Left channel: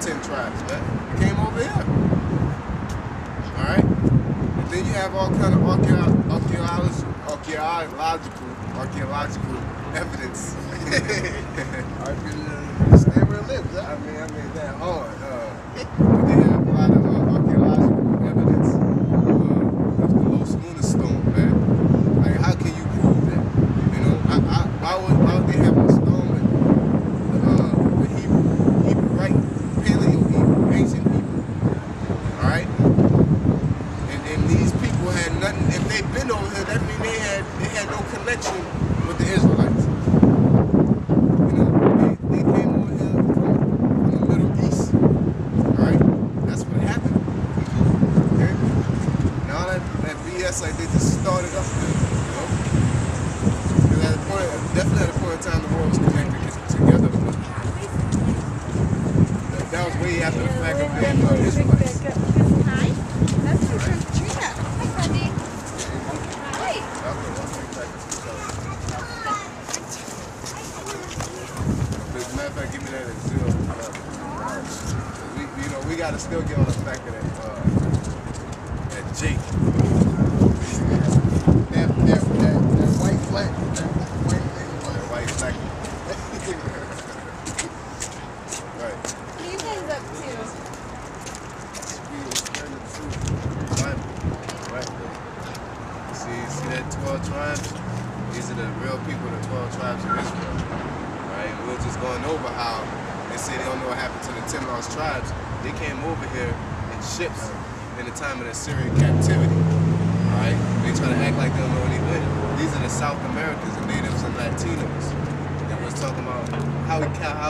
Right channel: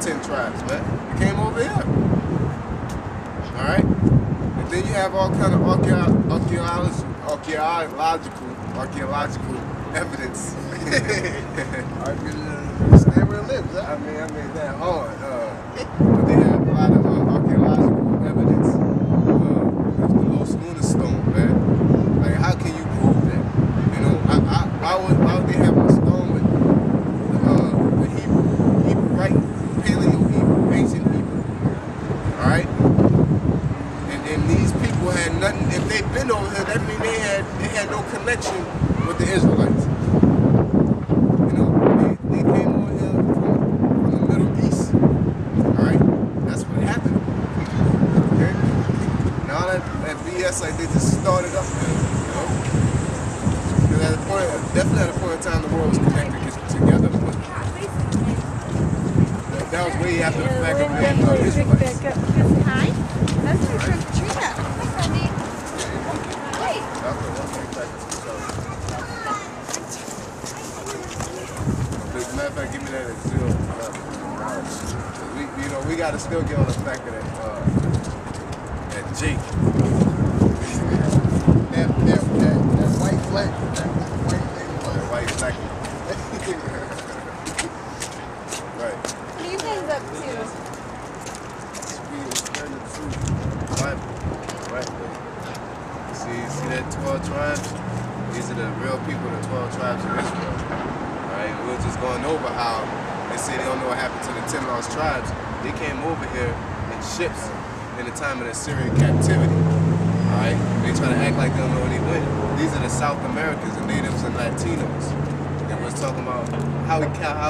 10 tribes, man. They came over here. All right? And then you have all kind of archaeological evidence. Stay where it lives, huh? I mean that hard. But they have a lot of archaeological evidence. The Los Lunas stone, man. Like, how can you prove that? You know, why would they have a stone with the Hebrew, right? Paleo Hebrew, ancient Hebrew. All right. And these people had nothing. If they'd been over here, that means they had no connection with the Israelites. You know, they came over here from the Middle East. All right, that's what happened. Okay, and all that BS, like, they just started up there. You know, because at a point, definitely at a point in time, the world was connected together, but that was way after the fact of being Israelites. Hi. That's my friend Katrina. Hi, Freddie. Hi. As a matter of fact, give me that at 0. We got to still get on the fact of that Jake. That white black, that white thing. That white black. Right. What are you guys up to? Bible, right? See that 12 tribes? These are the real people, the 12 tribes of Israel. Right? We were just going over how they say they don't know what happened to the 10 lost tribes. They came over here in ships in the time of the Syrian captivity. Alright? They try to act like they don't know where they went. These are the South Americans, the natives and Latinos. And we're talking about how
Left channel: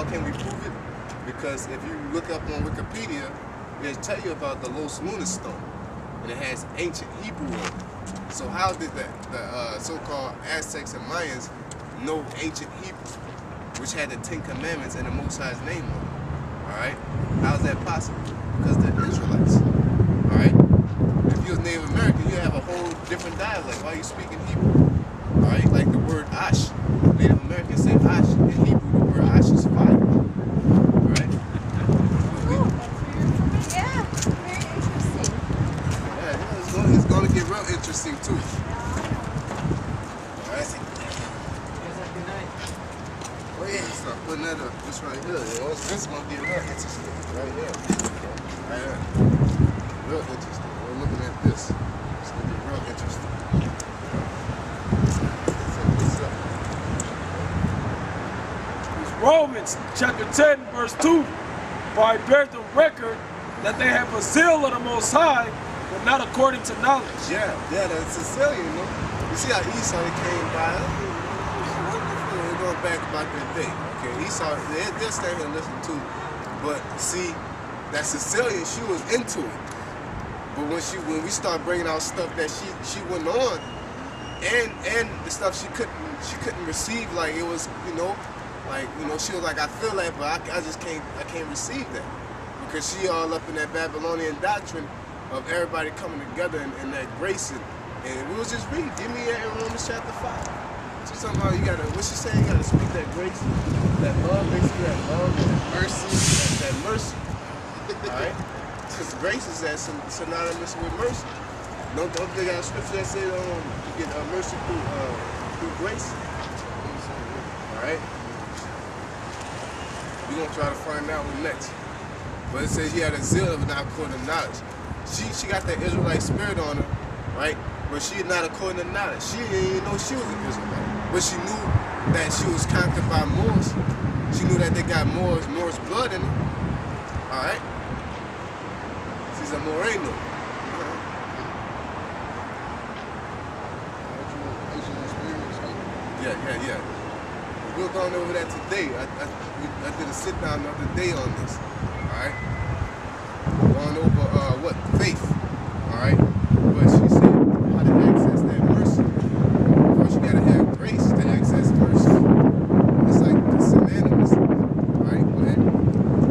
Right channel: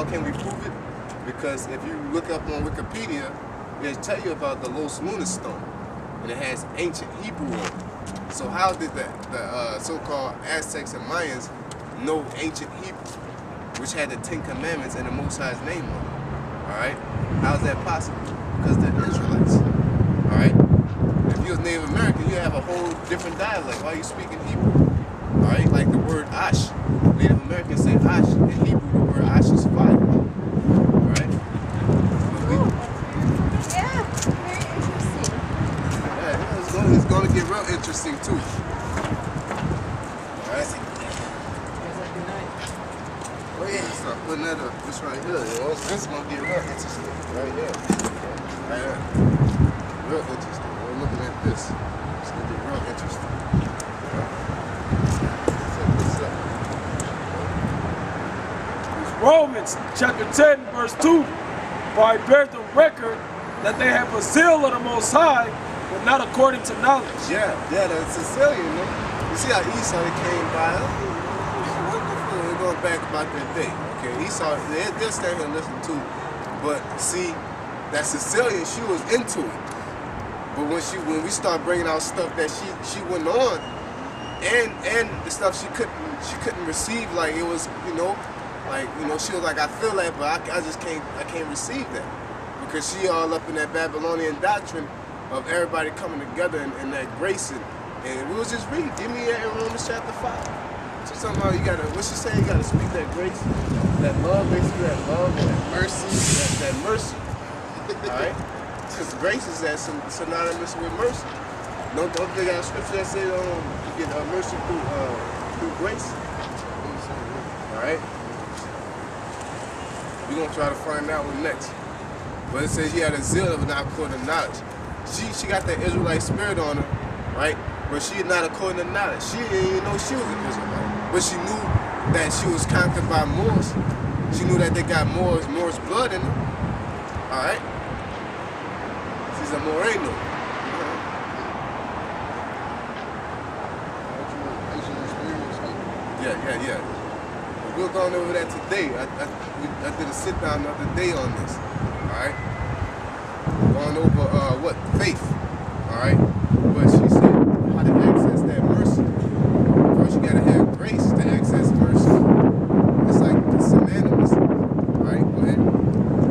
can we prove it? Because if you look up on Wikipedia, they'll tell you about the Los Lunas stone. And it has ancient Hebrew on it. So how did the so-called Aztecs and Mayans know ancient Hebrew, which had the 10 Commandments and the Most High's name on it? All right? How is that possible? Because they're Israelites. All right? If you was Native American, you have a whole different dialect. Why are you speaking Hebrew? All right? Like the word Ash. Native Americans say Ash. In Hebrew, the word Ash is fire. All right? Cool. Yeah, very interesting. Yeah, it's going to get real interesting too. Alright? Oh yeah, start putting that up. This right here, yo. This is going to get real interesting. Right here. Right here. Real interesting. We're looking at this. It's going to get real interesting. Check this out. Romans chapter 10 verse 2. For I bear the record that they have a zeal of the Most High, but not according to knowledge. Yeah, that's Sicilian, you know. You see how Esau came by? They're going back about their day. Okay, Esau, they'll stand here and listen to. But see, that Sicilian, she was into it. But when we start bringing out stuff that she went on, and the stuff she couldn't receive, like it was, she was like, I feel that, but I can't receive that. Because she all up in that Babylonian doctrine of everybody coming together and that grace. And we was just reading. Give me that in Romans chapter 5. She's talking about what she say? You got to speak that grace, that love, basically that love and that mercy, that mercy. All right? Because grace is that synonymous with mercy. Don't they got a scripture that says you get mercy through grace? All right? We're going to try to find out what next. But it says he had a zeal of not according to knowledge. She got that Israelite spirit on her, right? But she not according to knowledge. She didn't even know she was an Israelite. But she knew that she was conquered by Moors. She knew that they got Moors blood in them. All right? She's a Moreno. Yeah. We're going over that today. I did a sit down the other day on this. Alright? Going over faith. Alright? But she said how to access that mercy. First you gotta have grace to access mercy. It's like the synonymous. Alright, go ahead.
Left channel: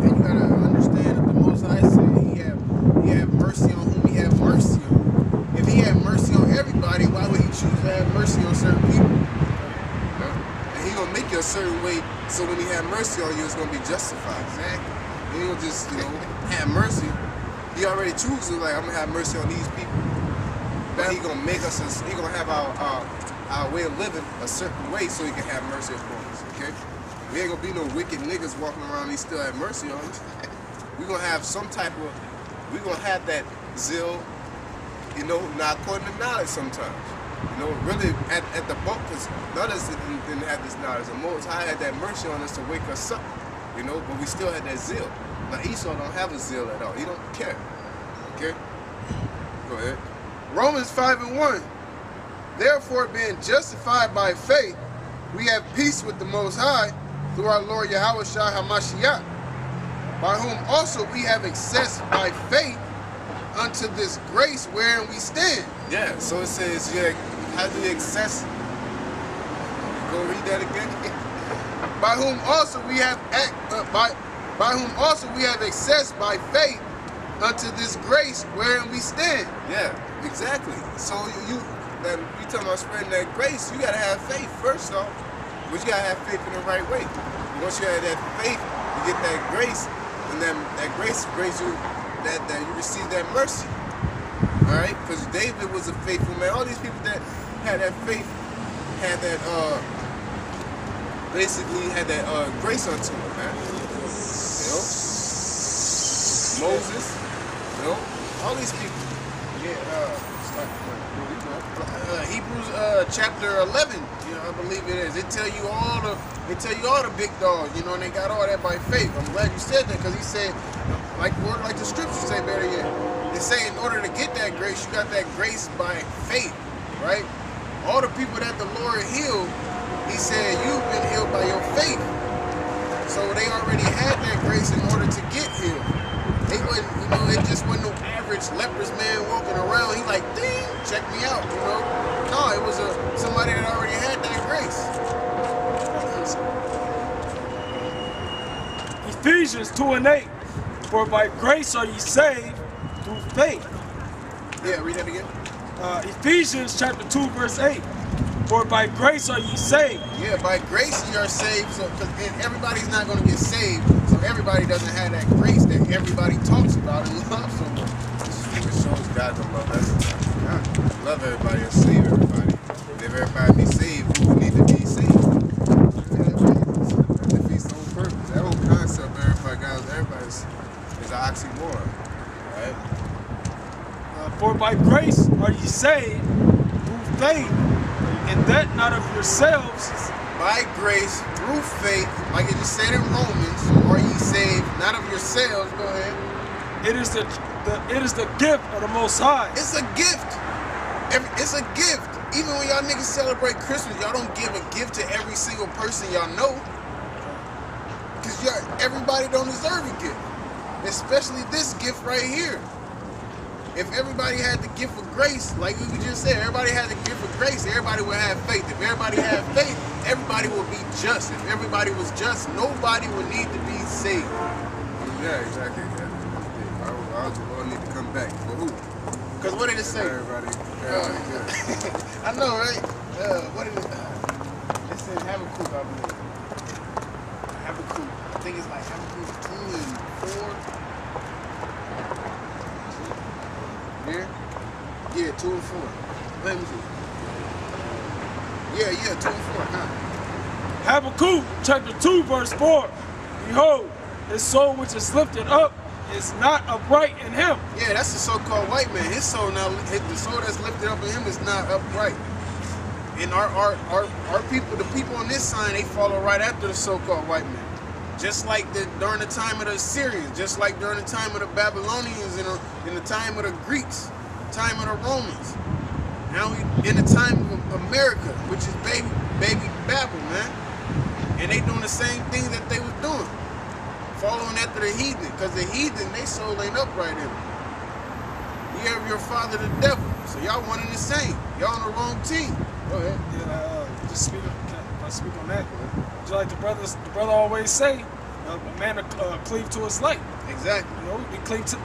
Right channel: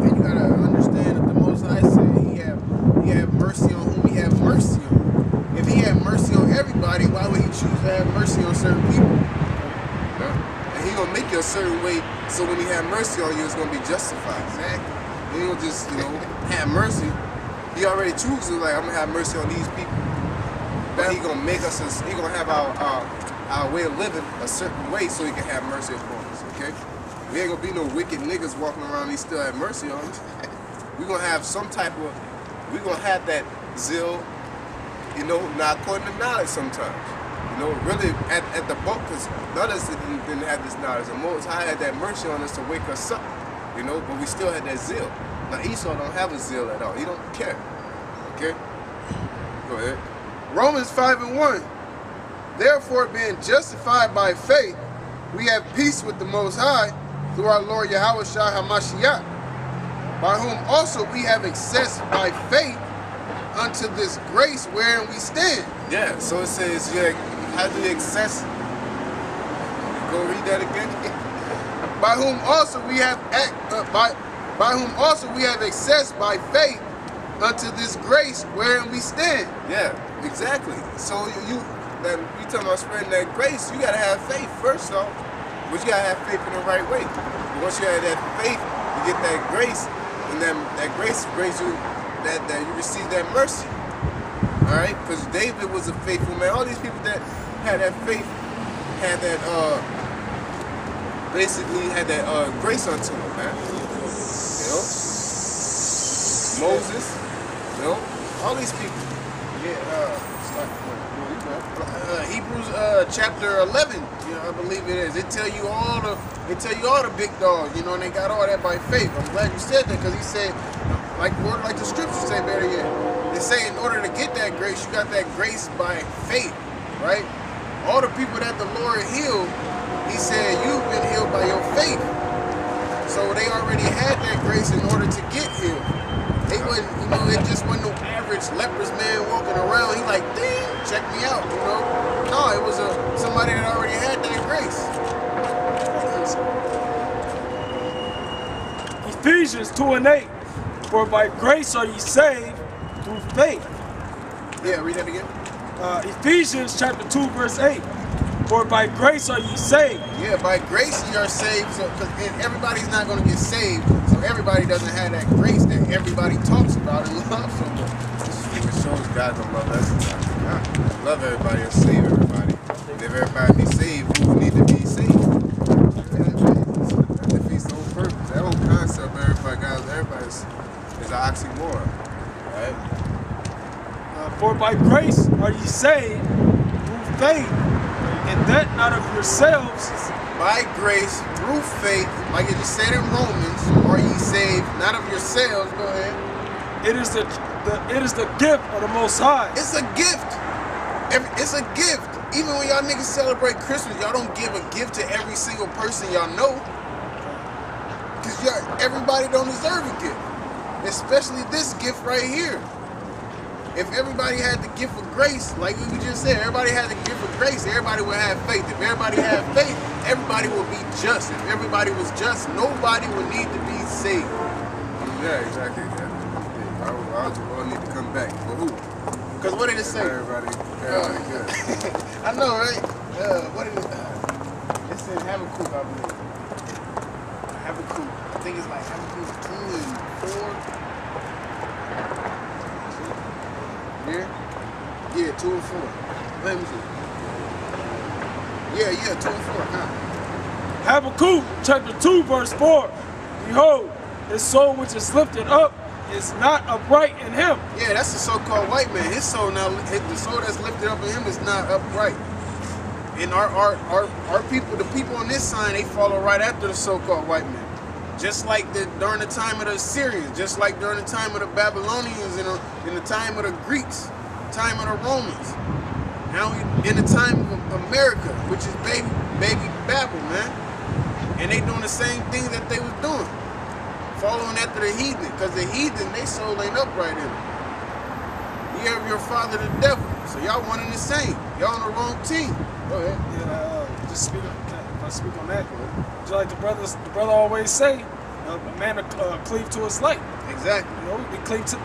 And you gotta understand that the Most High said he have mercy on whom he have mercy on. If he had mercy on everybody, why would he choose to have mercy on certain people? And he gonna make you a certain way, so when he have mercy on you, it's gonna be justified. Exactly. He ain't gonna just, have mercy. He already chooses, like, I'm gonna have mercy on these people. But he gonna make us, he gonna have our way of living a certain way so he can have mercy upon us, okay? We ain't gonna be no wicked niggas walking around and he still have mercy on us. We gonna have some type of, we gonna have that zeal, not according to knowledge sometimes. Really at the bulk, because none of us didn't have this knowledge. The Most High had that mercy on us to wake us up, but we still had that zeal. Now Esau don't have a zeal at all. He don't care, okay? Go ahead. Romans 5:1. Therefore, being justified by faith, we have peace with the Most High through our Lord Yahushua HaMashiach, by whom also we have access by faith unto this grace wherein we stand. Yeah, so it says, how do you access? Go read that again. By whom also we have by whom also we have access by faith unto this grace wherein we stand. Yeah, exactly. So you talking about spreading that grace, you gotta have faith first off. But you gotta have faith in the right way. But once you have that faith, you get that grace, and then that grace brings you that you receive that mercy. Alright? Because David was a faithful man. All these people that had that faith had that basically had that grace unto them, man. Moses, all these people. Hebrews chapter 11, I believe it is. It tell you all the big dogs, and they got all that by faith. I'm glad you said that, because he said, like the scriptures say better yet. They say in order to get that grace, you got that grace by faith, right? All the people that the Lord healed, he said, you've been healed by your faith. So they already had that grace in order to get healed. They wasn't, it just wasn't no average leprous man walking around. He like, dang, check me out, No, it was somebody that already had that grace. Ephesians 2:8. For by grace are ye saved through faith. Yeah, read that again. Ephesians chapter 2 verse 8. For by grace are ye saved. Yeah, by grace ye are saved. So, and everybody's not going to get saved. So everybody doesn't have that grace that everybody talks about and loves so much. It shows God don't love everybody. God love everybody and save everybody. And if everybody be saved, who would need to be saved? That defeats the whole purpose. That whole concept of everybody is an oxymoron. Right? For by grace are ye saved through faith, and that not of yourselves. By grace, through faith, like it just said in Romans, are ye saved, not of yourselves. Go ahead. It is the gift of the Most High. It's a gift. It's a gift. Even when y'all niggas celebrate Christmas, y'all don't give a gift to every single person y'all know. Because everybody don't deserve a gift. Especially this gift right here. If everybody had the gift of grace, like we just said, everybody had the gift of grace, everybody would have faith. If everybody had faith, everybody would be just. If everybody was just, nobody would need to be saved. Yeah, exactly. Why would the Lord need to come back? For who? Because what did it say? Everybody good. I know, right? What did it says Habakkuk, I believe. Habakkuk. I think it's like Habakkuk 2 and 4. Here? Yeah, 2 and 4. Let me see. Yeah, 2 and 4. Huh? Habakkuk chapter 2 verse 4. Behold, his soul which is lifted up is not upright in him. Yeah, that's the so-called white man. His soul now, the soul that's lifted up in him is not upright. And our people, the people on this side, they follow right after the so-called white man. Just like during the time of the Assyrians, just like during the time of the Babylonians and in the time of the Greeks, time of the Romans. Now we in the time of America, which is baby Babel, man. And they doing the same thing that they was doing. Following after the heathen, because the heathen, they soul ain't upright in them. You have your father the devil, so y'all one and the same. Y'all on the wrong team. Go ahead. Yeah, just speak on that. Just like the brother always say, a man cleave to his light. Exactly. We cleave to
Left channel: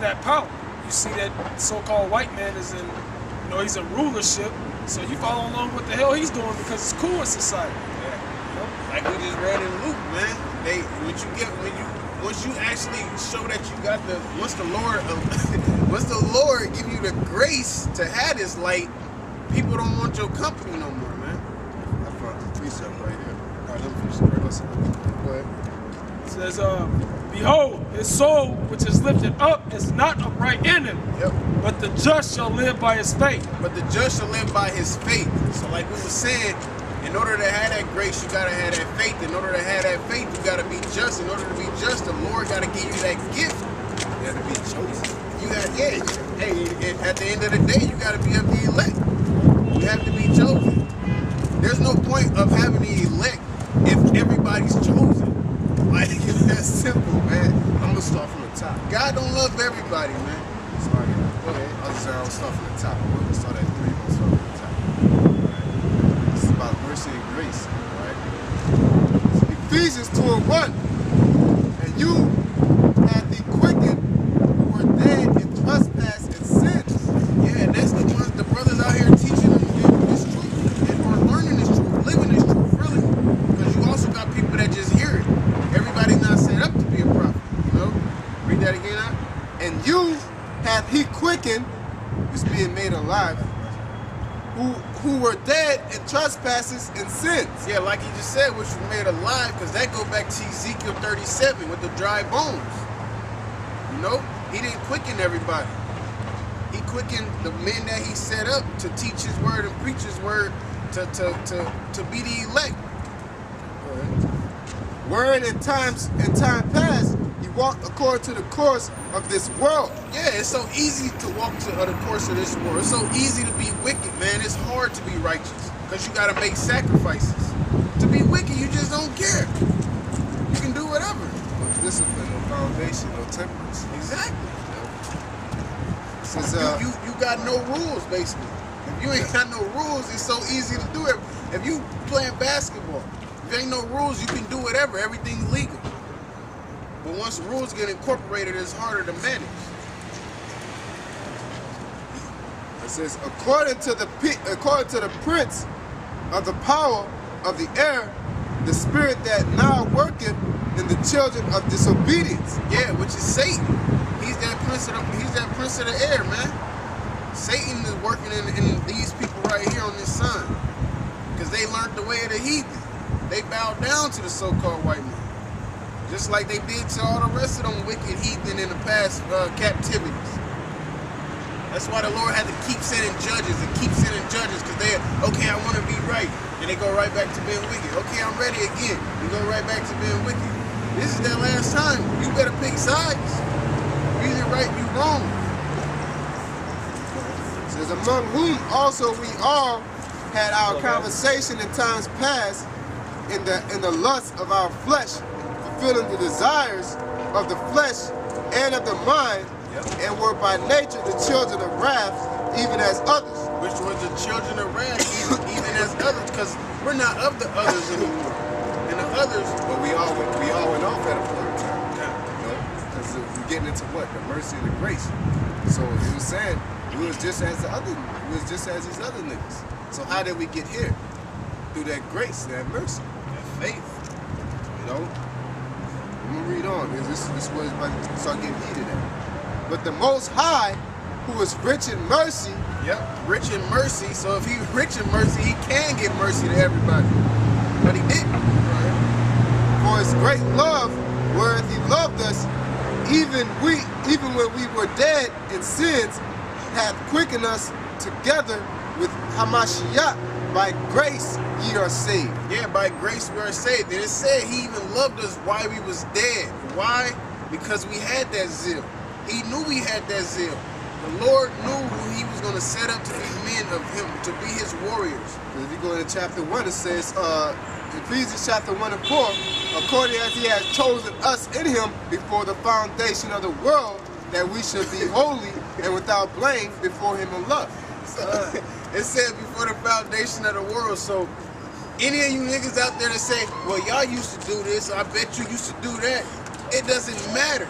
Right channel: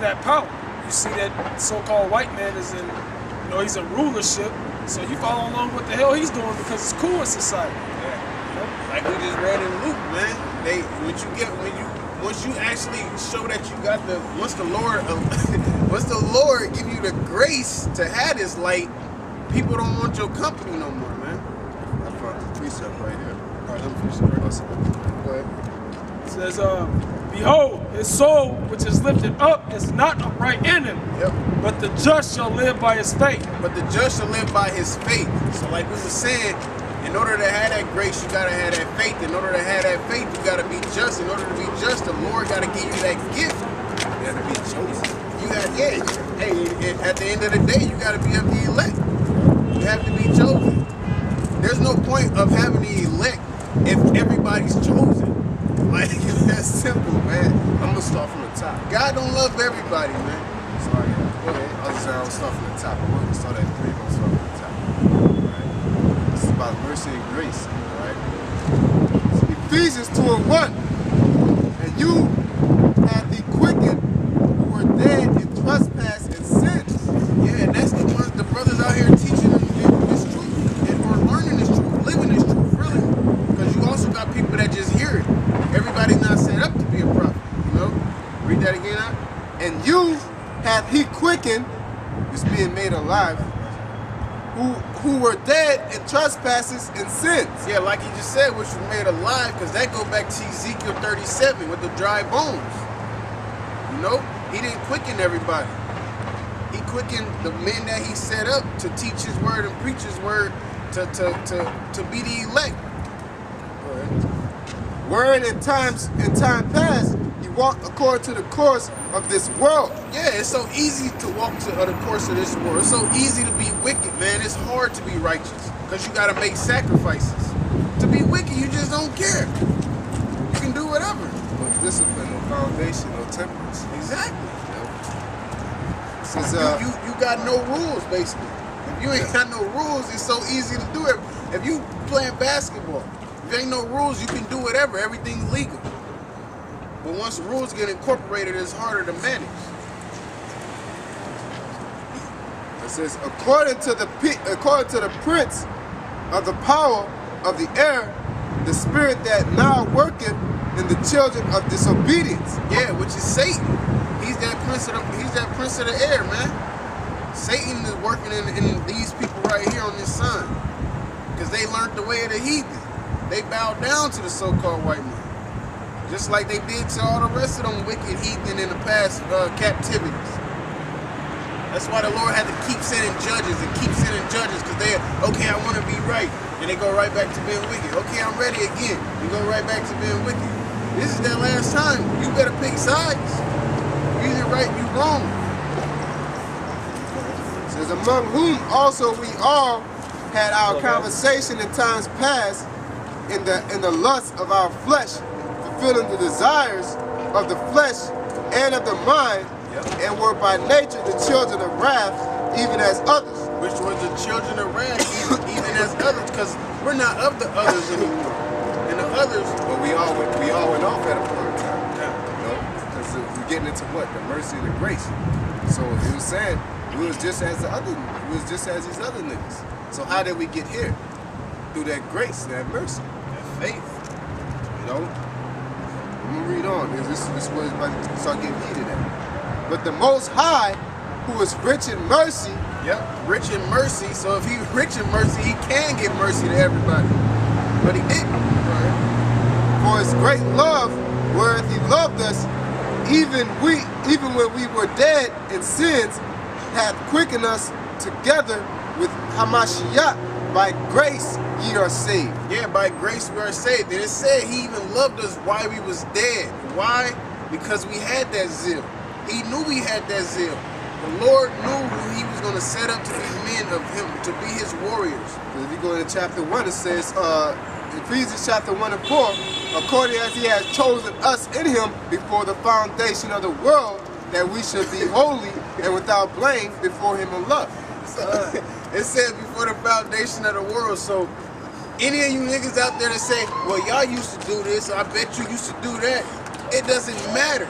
that power. You see that so-called white man is in, he's in rulership, so you follow along what the hell he's doing because it's cool in society. Yeah. Like we just read in Luke, man. Once once you actually show that you got once the Lord give you the grace to have this light, people don't want your company no more, man. I found the precept right here. All right, let me finish the verse. Go ahead. It says, behold, his soul which is lifted up is not upright in him, Yep. but the just shall live by his faith. But the just shall live by his faith. So like we were saying, in order to have that grace, you gotta have that faith. In order to have that faith, you gotta be just. In order to be just, the Lord gotta give you that gift. You have to be chosen. You got, hey, at the end of the day, you gotta be of the elect. You have to be chosen. There's no point of having the elect if everybody's chosen. Like, it's that simple, man. I'm gonna start from the top. God don't love everybody, man. So I got. Go ahead. I was saying I'll start from the top. I want to start at 3, but I'll start from the top. Right? This is about mercy and grace. Right? It's Ephesians 2:1. And you hath he quickened who were dead in trespass and sins. Yeah, and that's the ones, the brothers out here teaching this truth, or learning this truth, living this truth, really. Because you also got people that just hear it. Everybody's not set up to be a prophet, you know? Read that again out. And you hath he quickened, who's being made alive, who were dead in trespasses and sins. Yeah, like he just said, which was made alive, because that go back to Ezekiel 37 with the dry bones. You know? He didn't quicken everybody. He quickened the men that he set up to teach his word and preach his word to be the elect. Wherein in time past, you walked according to the course of this world. Yeah, it's so easy to walk to the course of this world. It's so easy to be wicked, man. It's hard to be righteous because you got to make sacrifices. To be wicked, you just don't care. You can do whatever. No discipline, no foundation, no temperance. Exactly. Since, You got no rules, basically. If you ain't got no rules, it's so easy to do it. If you playing basketball, if there ain't no rules, you can do whatever. Everything's legal. But once the rules get incorporated, it's harder to manage. it says, according to the prince of the power of the air, the spirit that now worketh in the children of disobedience. Yeah, which is Satan. He's that prince of the air, man. Satan is working in these people right here on this sun. Because they learned the way of the heathen. They bowed down to the so-called white man. Just like they did to all the rest of them wicked heathen in the past captivities. That's why the Lord had to keep sending judges and keep sending judges, because they're, okay, I want to be right. And they go right back to being wicked. Okay, I'm ready again. You go right back to being wicked. This is their last time. You better pick sides. You either right, you wrong. It says, among whom also we all had our conversation in times past in the lust of our flesh, fulfilling the desires of the flesh and of the mind, and were by nature the children of wrath, even as others. Which were the children of wrath, even as others, because we're not of the others anymore. And the others, But we all went off at a point in time. You know, because we're getting into what? The mercy and the grace. So it was saying we was just as these other niggas. So how did we get here? Through that grace, that mercy, that faith. You know? I'm gonna read on. This was about to start getting heated at. But the Most High, who is rich in mercy. rich in mercy. So if he's rich in mercy, he can give mercy to everybody. But he didn't. Right? For his great love, wherewith he loved us, even when we were dead in sins, hath quickened us together with Hamashiach. By grace ye are saved. Yeah, by grace we are saved. And it said he even loved us while we was dead. Why? Because we had that zeal. He knew we had that zeal. The Lord knew who he was going to set up to be men of him, to be his warriors. If you go into chapter 1, it says, Ephesians chapter 1 and 4, according as he has chosen us in him before the foundation of the world, that we should be holy and without blame before him in love. It said before the foundation of the world. So any of you niggas out there that say, well, y'all used to do this, I bet you used to do that, it doesn't matter.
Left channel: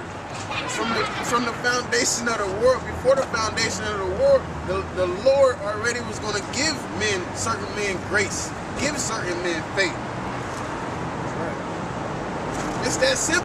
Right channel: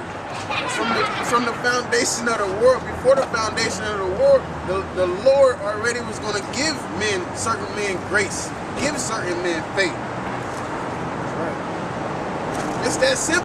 From the foundation of the world, before the foundation of the world, the Lord already was going to give certain men grace, give certain men faith. It's that simple.